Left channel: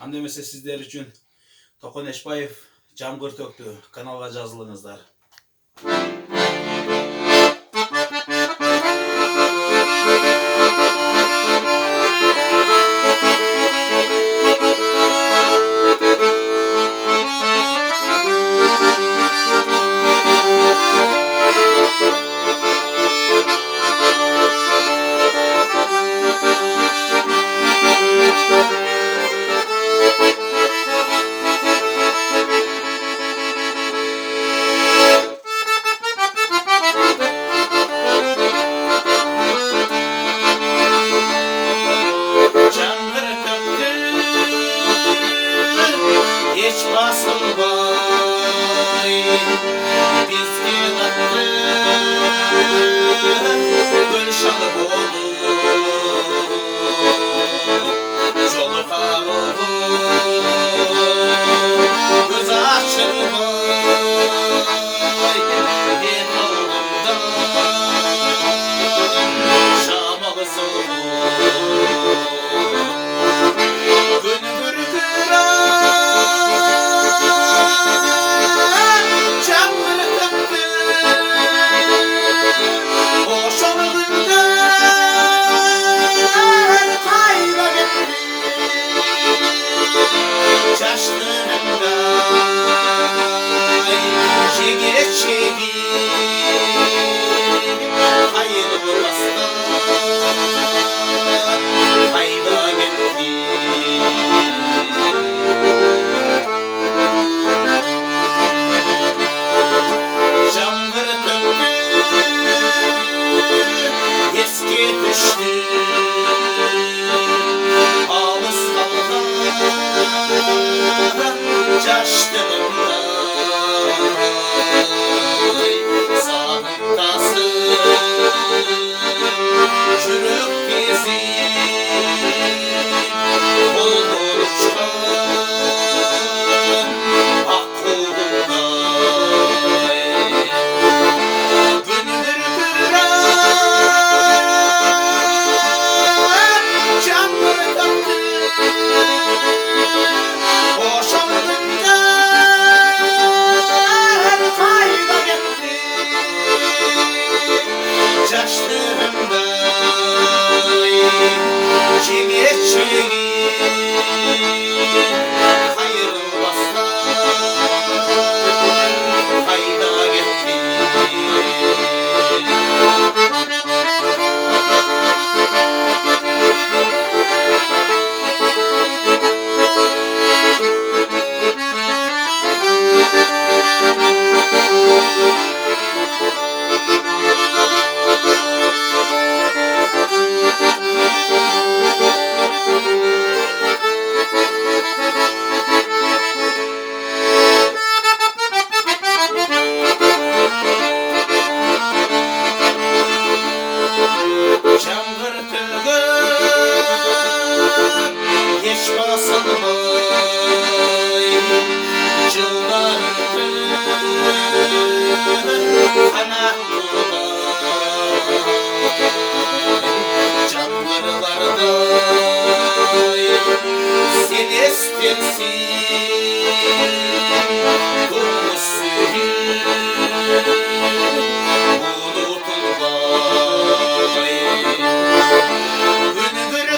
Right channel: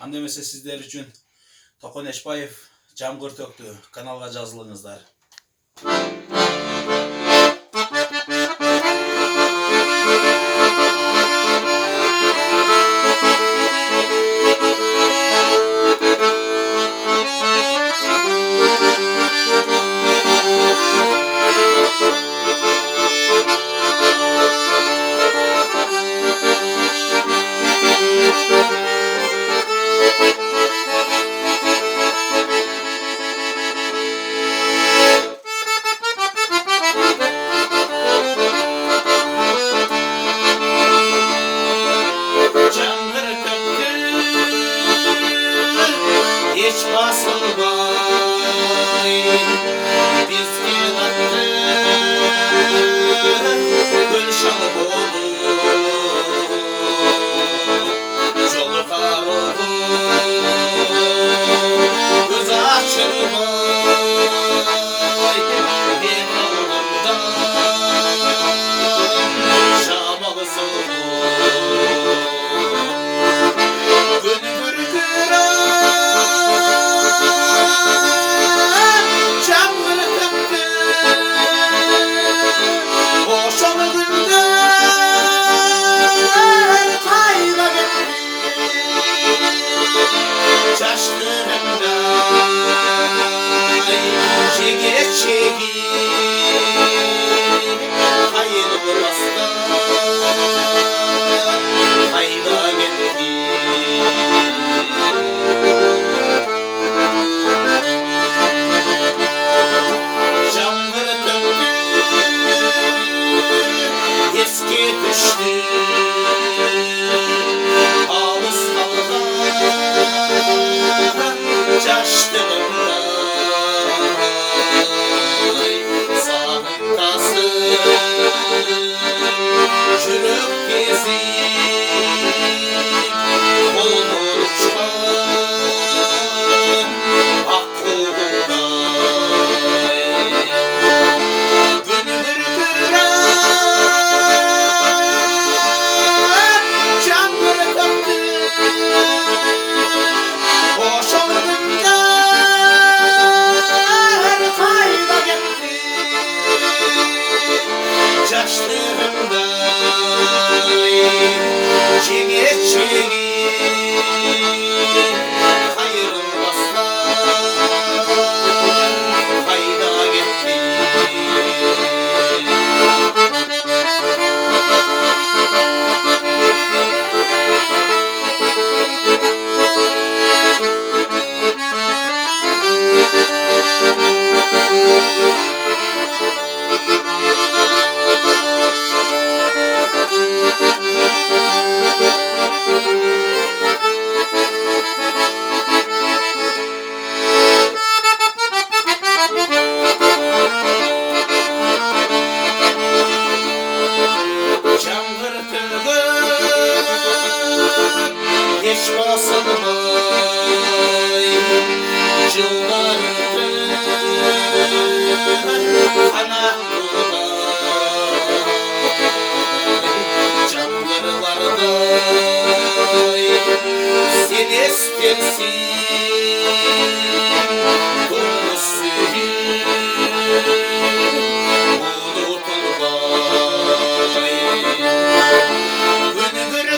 Анда эмесе сиздер үчүн Токон Эшбаев Жамгыр төктү каналга жазылыңыздар. Hiç basılmay biz yılattı Gülşanı olur Çoluklar olur Göz açılmay Bir oğlumdan Şamalı soğuk Gündür eski düştü Ağız kalkan Çaştığımda Sanıktası Çürük gezi Olur çıkan Aklımda Gündür Çaştığımda Çiğneçleri Ayrılmazlar Hayda gitti Hiç basılmay Cıldandı Kanatlılar Çamlarlarda Sen istersin Durmasın Unutulmay Gündür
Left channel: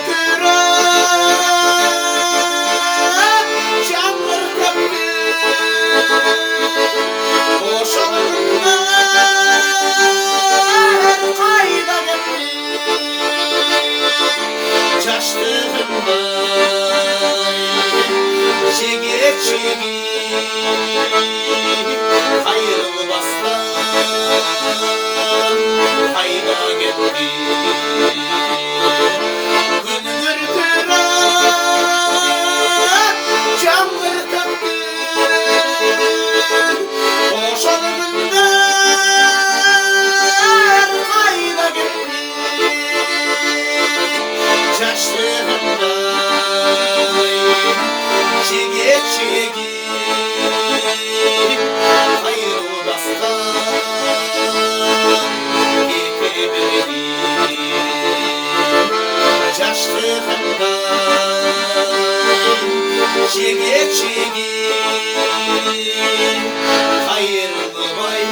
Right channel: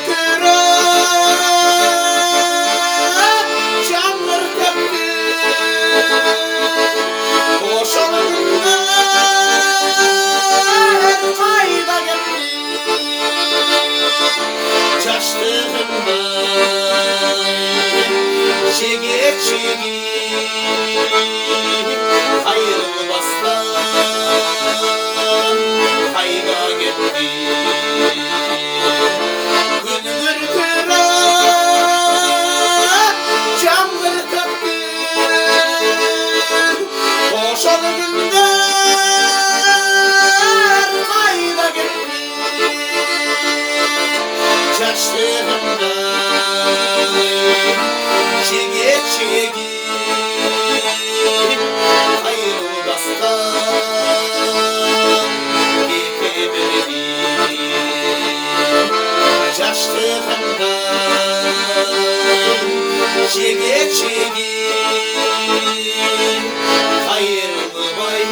Çaştığımda Çiğneçleri Ayrılmazlar Hayda gitti Gündür Çamları taktı Boşanırlar Hayda gitti Çaştığımda Çiğneçleri Ayrılmazlar İpimleri Çaştığımda çekek çekek hayırlı bay